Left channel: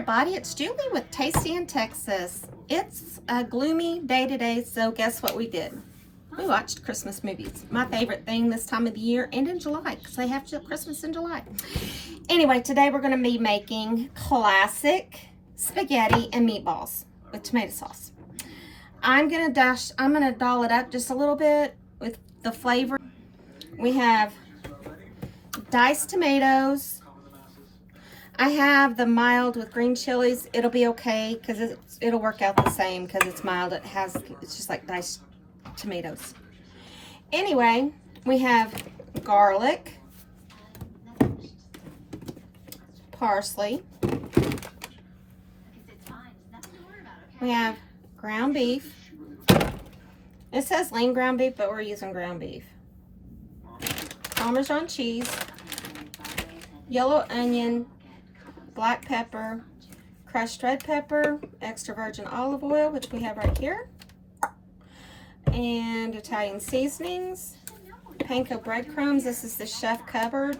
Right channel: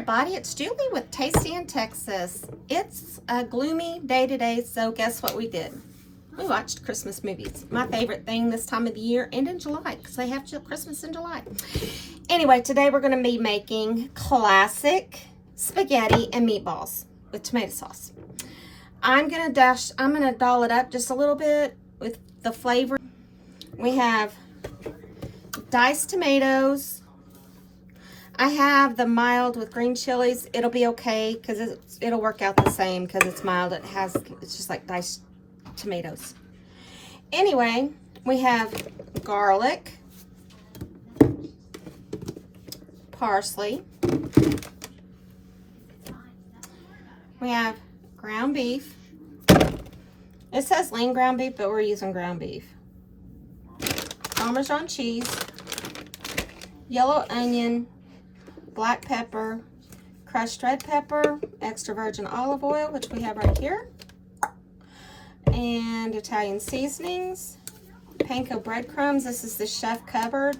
everybody, it's Julie with Tasty in Texas. It's a gloomy day today, so guess what we did? We watched Christmas movies. My favorite thing this time of the year and in July, because they have Christmas in July. Anyway, today we're going to be making classic spaghetti and meatballs with tomato sauce. I'm going to doll it up just a little bit with the flavor. We have diced tomatoes. I have the mild with green chilies. It'll be okay because it'll work out the same because it's mild. It's just like diced tomatoes. Anyway, we have garlic, parsley. We have ground beef. It says lean ground beef, but we're using ground beef. Parmesan cheese, yellow onion, black pepper, crushed red pepper, extra virgin olive oil, which we have right here, and Italian seasonings, panko breadcrumbs. This is the chef covered.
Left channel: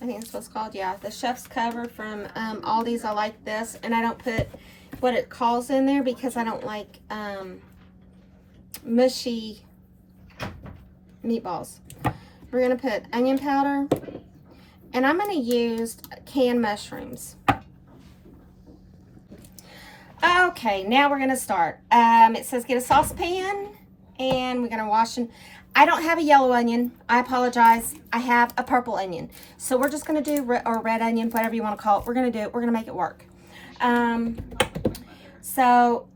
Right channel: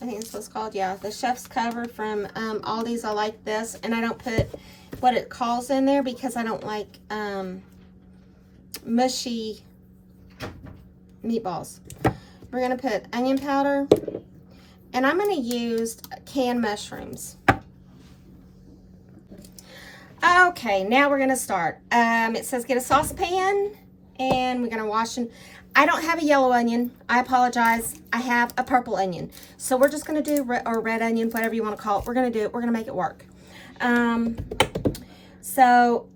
I think it's what's called, yeah, the chef's cover from Aldi's. I like this, and I don't put what it calls in there because I don't like mushy meatballs. We're gonna put onion powder, and I'm gonna use canned mushrooms. Okay, now we're gonna start. It says get a saucepan, and we're gonna wash and I don't have a yellow onion. I apologize. I have a purple onion. So we're just gonna do, or red onion, whatever you wanna call it. We're gonna make it work. So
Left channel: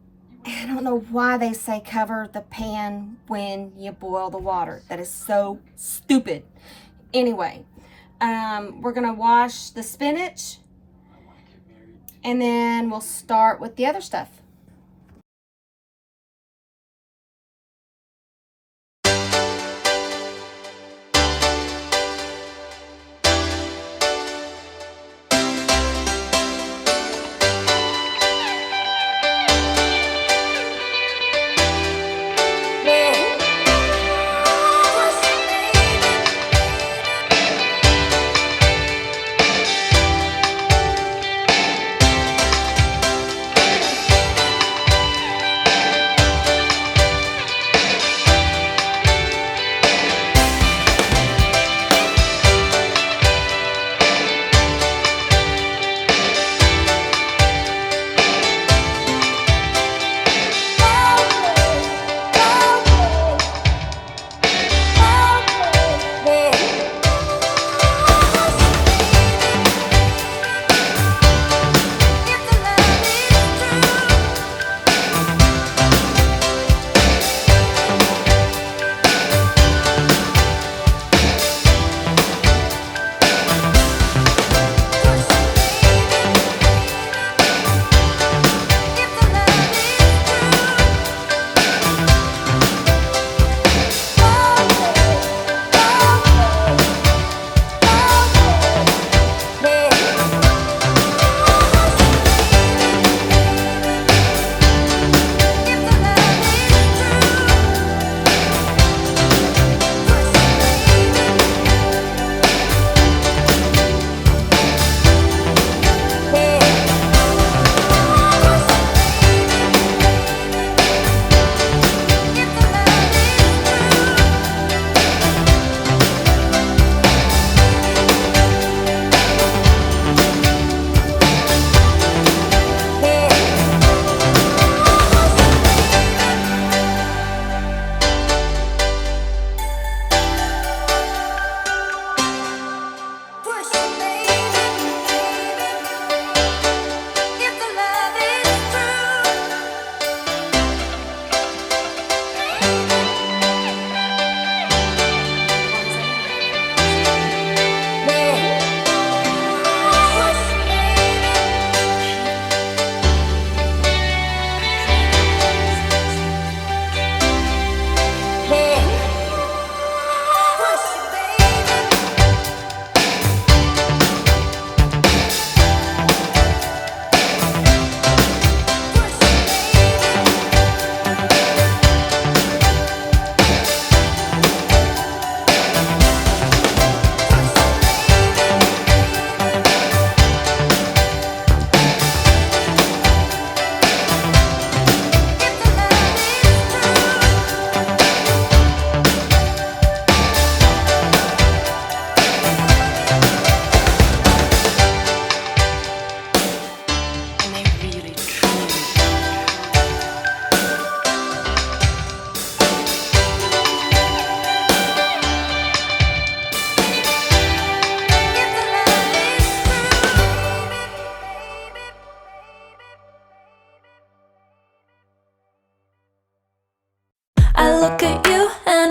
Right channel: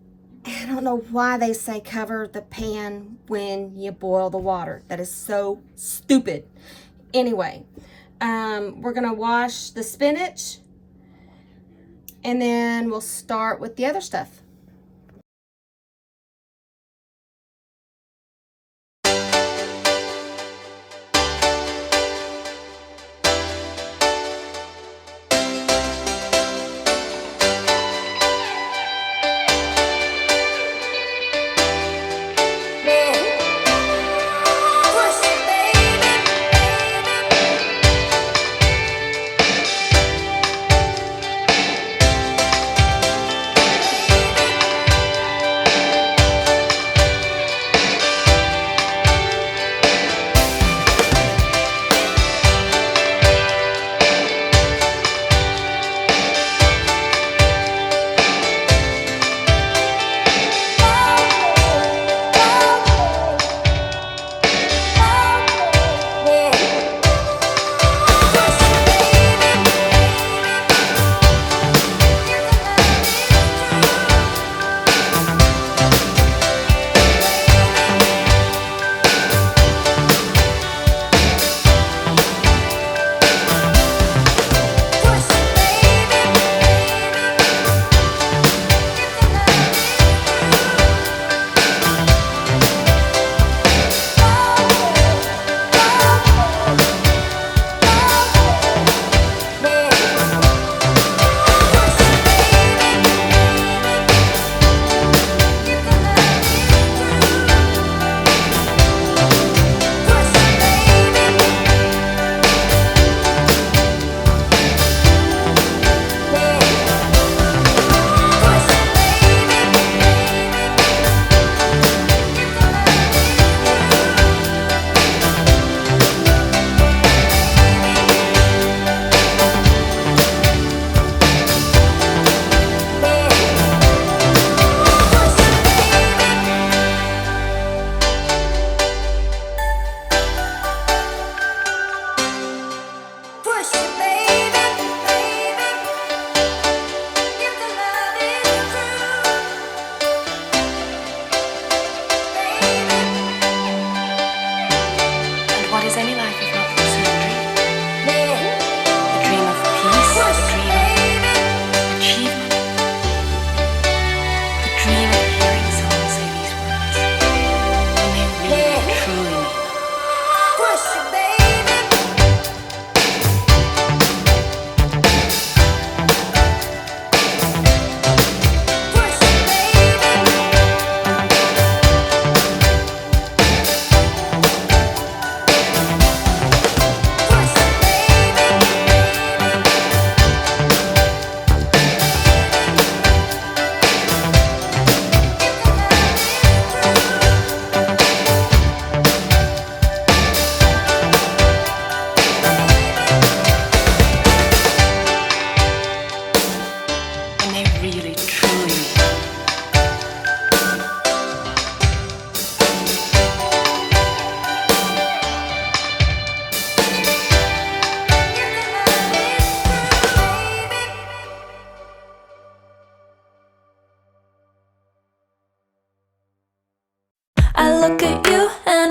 I don't know why they say cover the pan when you boil the water. That is so stupid. Anyway, we're gonna wash the spinach, and then we'll start with the other stuff.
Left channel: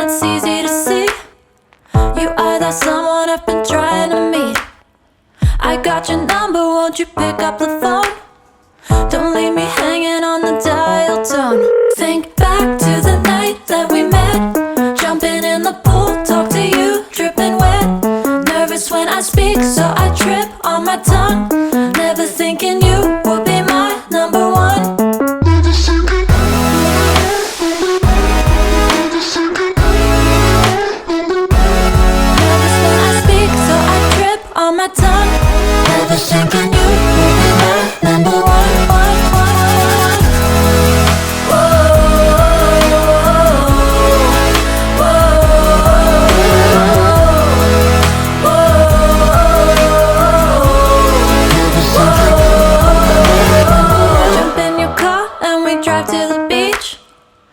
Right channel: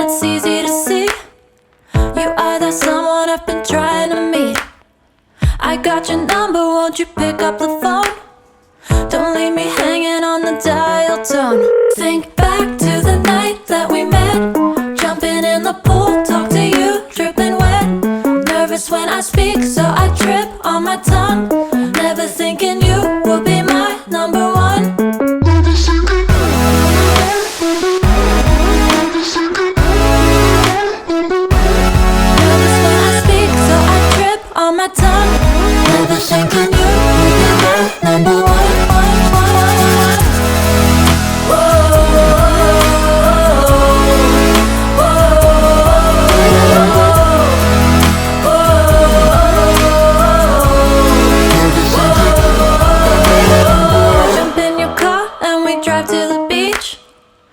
it's easy to see. You are that someone I've been trying to meet. I got your number, won't you pick up the phone? Don't leave me hanging on the dial tone. Think back to the night that we met, jumping in the pool, talk to you, dripping wet. Nervous when I speak, so I trip on my tongue. Never thinking you would be my number one. Nervous when I speak, so I trip on my tongue. Never thinking you would be my number one. Drive to the beach.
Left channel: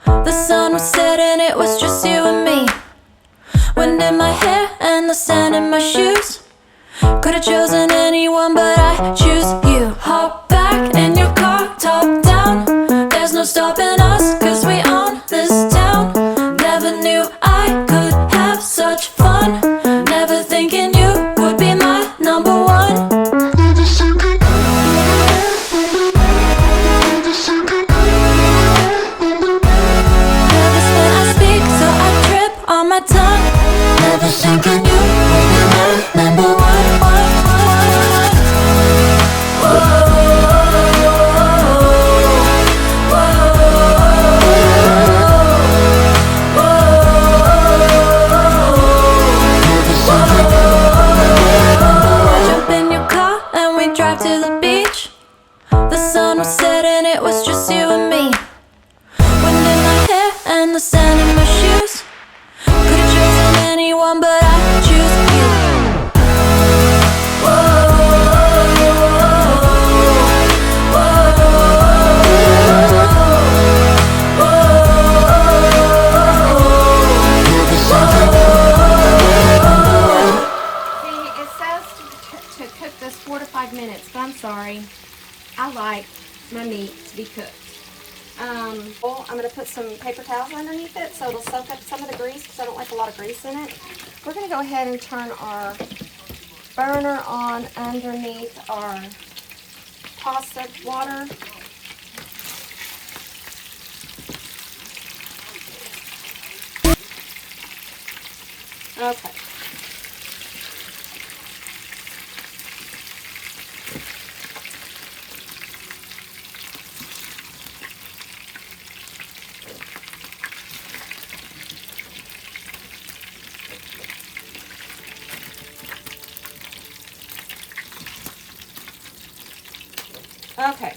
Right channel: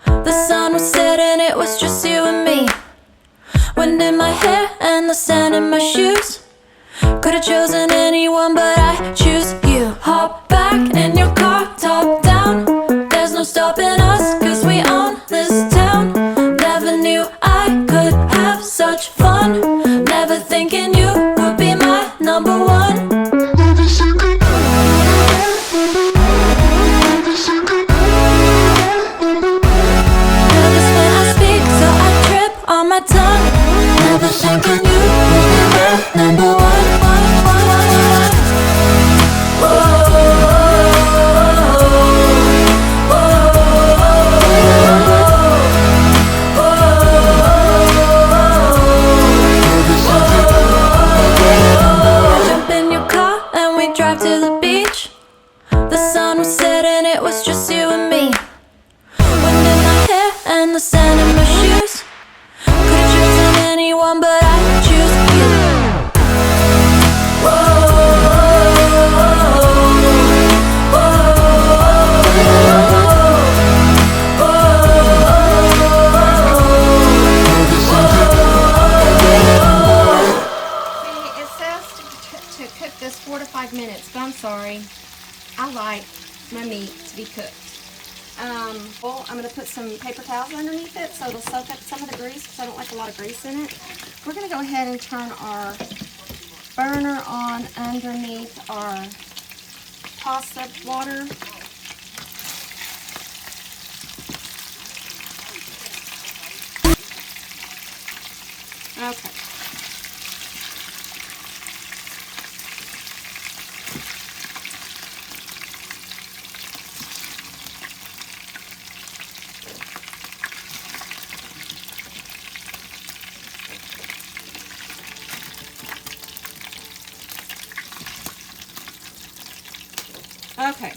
The sun was setting, it was just you and me. Wind in my hair and the sand in my shoes. Could've chosen anyone, but I choose you. Hop back in your car, top down. There's no stopping us, cause we own this town. Never knew I could have such fun. Never thinking you would be my number one. On my tongue, never thinking you would be my number one. Jump in your car and we drive to the beach. The sun was setting, it was just you and me. Wind in my hair and the sand in my shoes. Could've chosen anyone, but I choose you. See, it says to cook this 4 to 5 minutes, but I'm sorry. I like my meat to be cooked. Well, I'm going to put some paper towels underneath it so it'll soak up some of the grease because I don't like a lot of grease in it. We're going to go ahead and turn our burner on underneath our pasta water. Okay. Okay,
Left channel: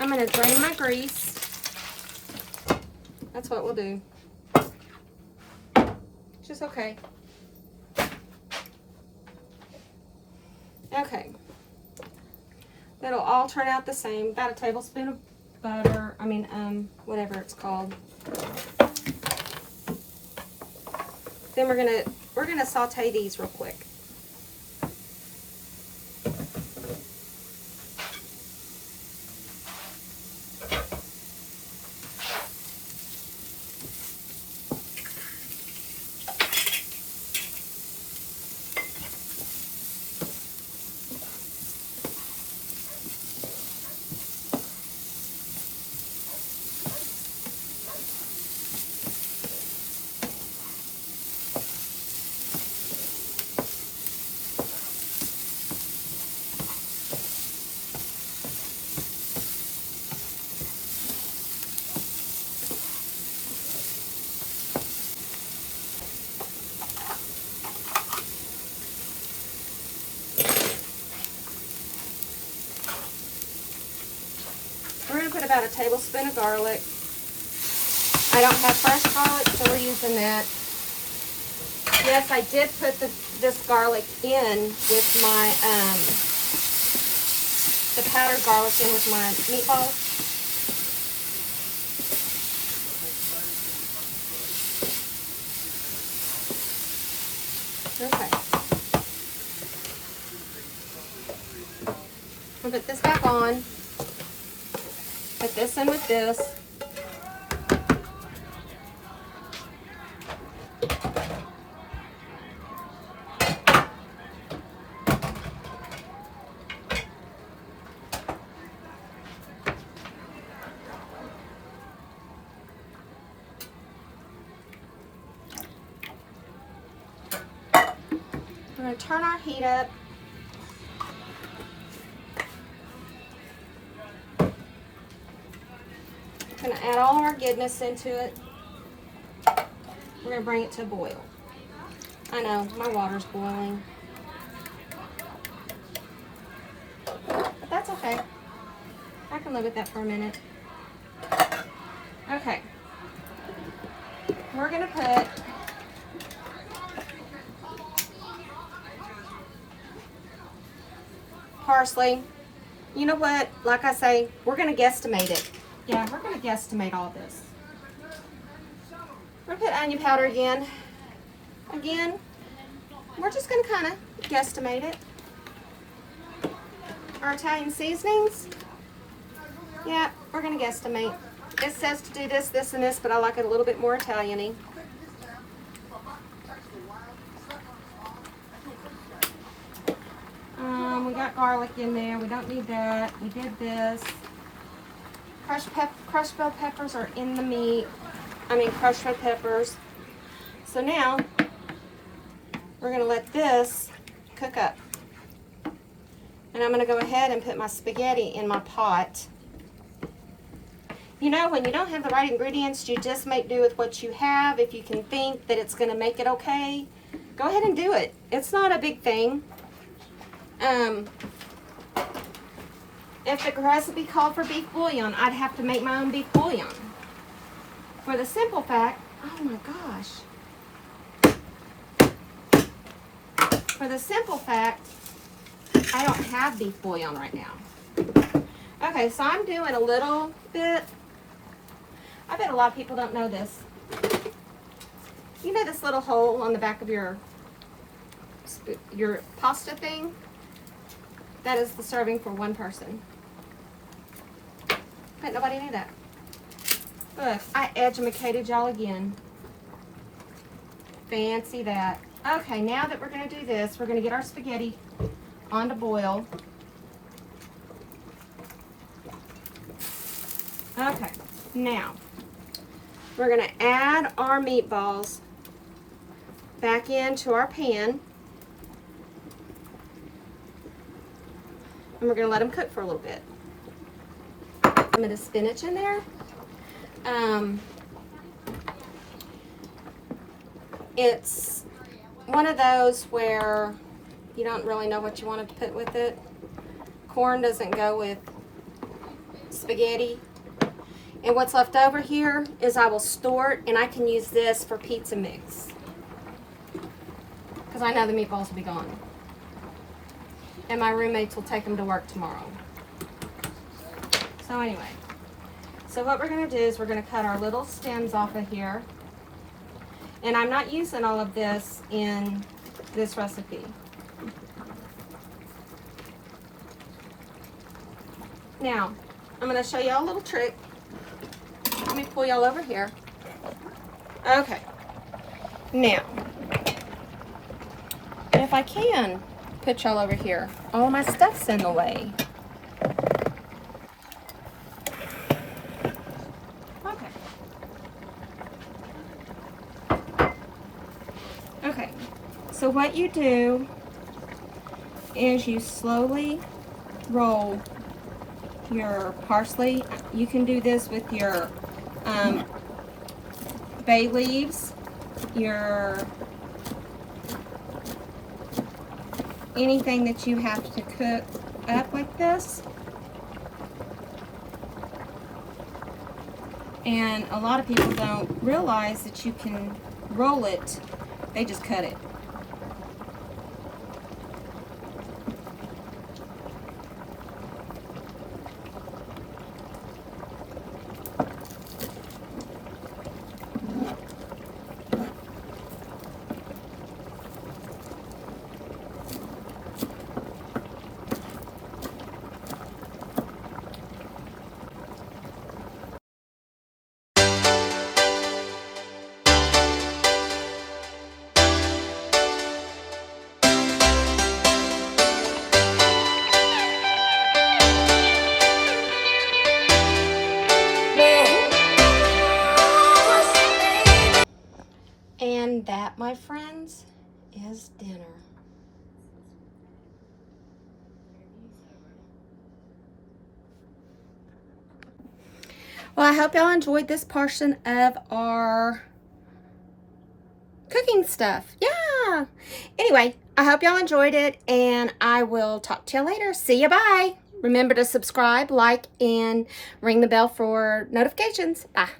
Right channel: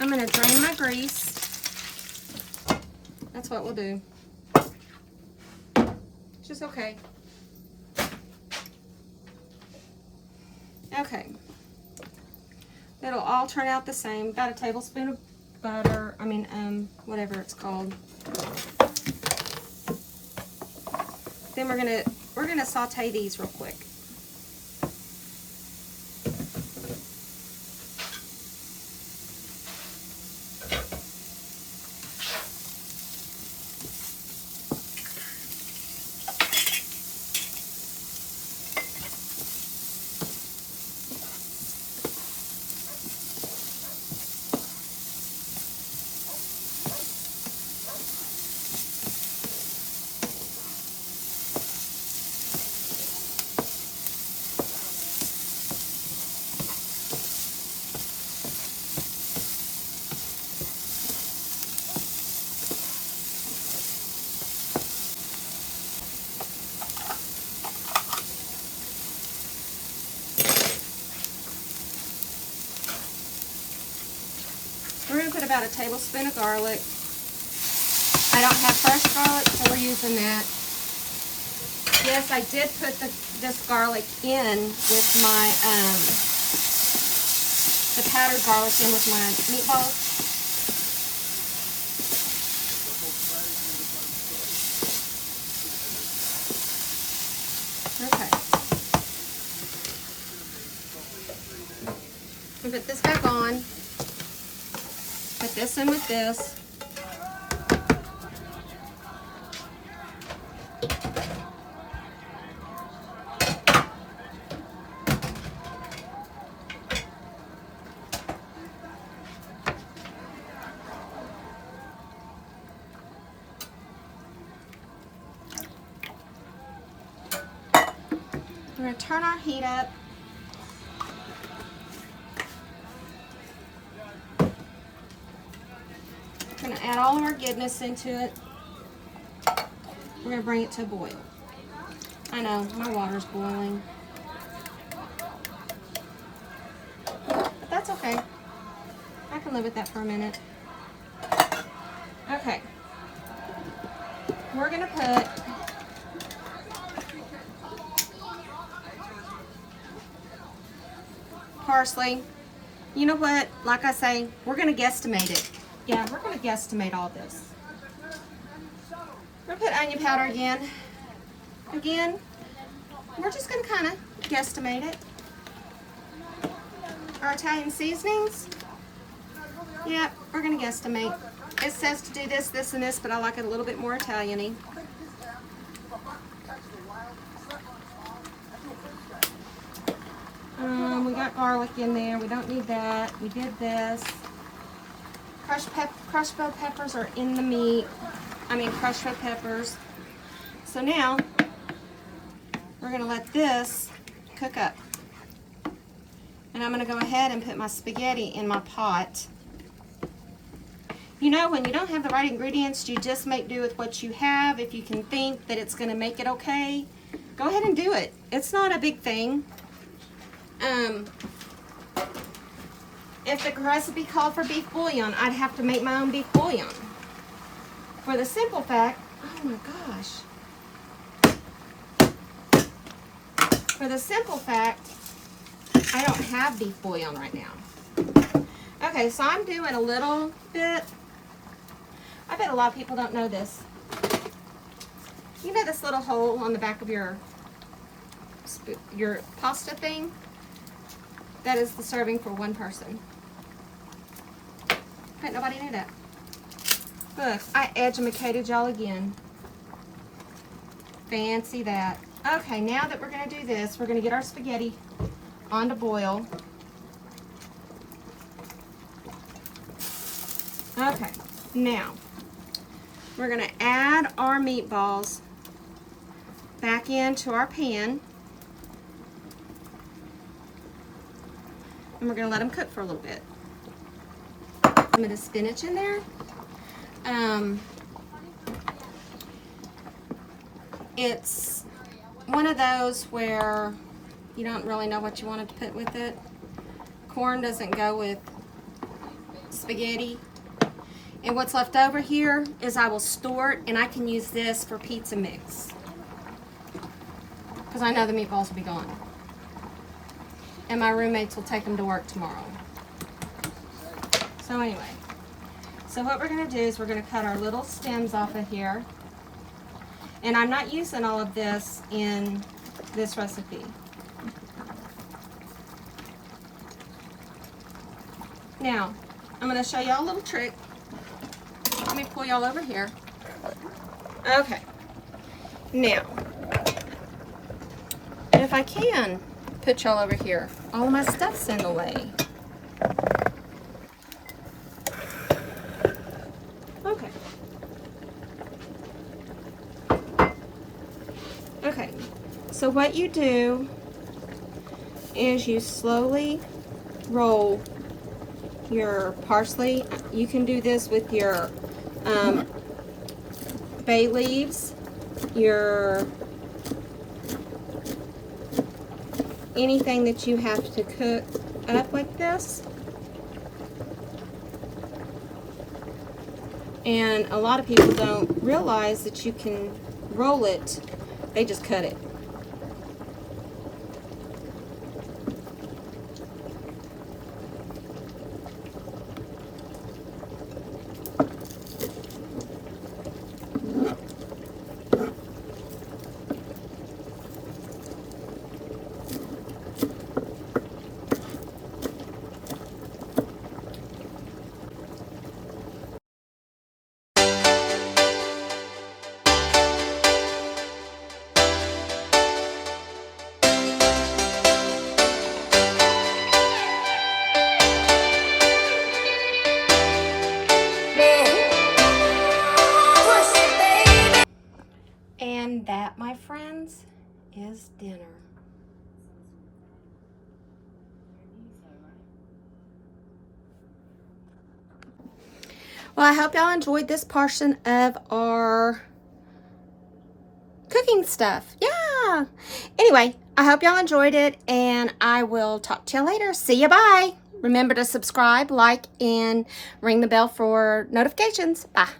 I'm going to drain my grease. That's what we'll do. It's just okay. Okay. It'll all turn out the same. Got a tablespoon of butter. Whatever it's called. Then we're gonna saute these real quick. We're going to put about a tablespoon of garlic. I don't have fresh garlic, so we're using that. Yes, I did put this garlic in with my, the powdered garlic in with my meatballs. Okay. I'll put this back on. Put this in with this. going to turn our heat up. Going to add all of our goodness into it. We're going to bring it to a boil. I know, my water's boiling. But that's okay. I can live with that for a minute. Okay. We're going to put parsley. You know what? Like I say, we're going to guesstimate it. Yeah, we're going to guesstimate all this. We're going to put onion powder again. Again, we're just going to kind of guesstimate it. Our Italian seasonings. Yeah, we're going to guesstimate. It says to do this, this, and this, but I like it a little bit more Italian-y. We got garlic in there. We don't need that. We did this. Crushed bell peppers are in the meat. Crushed bell peppers. So now, we're going to let this cook up. And I'm going to go ahead and put my spaghetti in my pot. You know, when you don't have the right ingredients, you just make do with what you have. If you can think that it's going to make it okay, go ahead and do it. It's not a big thing. If the recipe called for beef bouillon, I'd have to make my own beef bouillon. For the simple fact, oh my gosh. For the simple fact, I don't have beef bouillon right now. Okay, so I'm doing a little bit. I bet a lot of people don't know this. You know this little hole on the back of your pasta thing? That is the serving for one person. Bet nobody knew that. Look, I educated y'all again. Fancy that. Okay, now that we're going to do this, we're going to get our spaghetti on to boil. Okay, now we're going to add our meatballs back into our pan. And we're going to let them cook for a little bit. A bit of spinach in there. It's one of those where you don't really know what you want to put with it. Corn doesn't go with spaghetti. And what's left over here is I will store it, and I can use this for pizza mix. Because I know the meatballs will be gone. And my roommates will take them to work tomorrow. So anyway, so what we're going to do is we're going to cut our little stems off of here. And I'm not using all of this in this recipe. Now, I'm going to show y'all a little trick. Let me pull y'all over here. Okay. Now, if I can put y'all over here, all my stuff's in the way. Okay. Okay. So what you do is you slowly roll your parsley. You can do this with your bay leaves, your anything that you have to cook up like this. And a lot of people don't realize that you can roll it, they just cut it. Well, I hope y'all enjoyed this portion of our cooking stuff. Yeah. Anyway, I hope y'all enjoyed it, and I will talk to you later. See ya. Bye. Remember to subscribe, like, and ring the bell for notifications. Bye.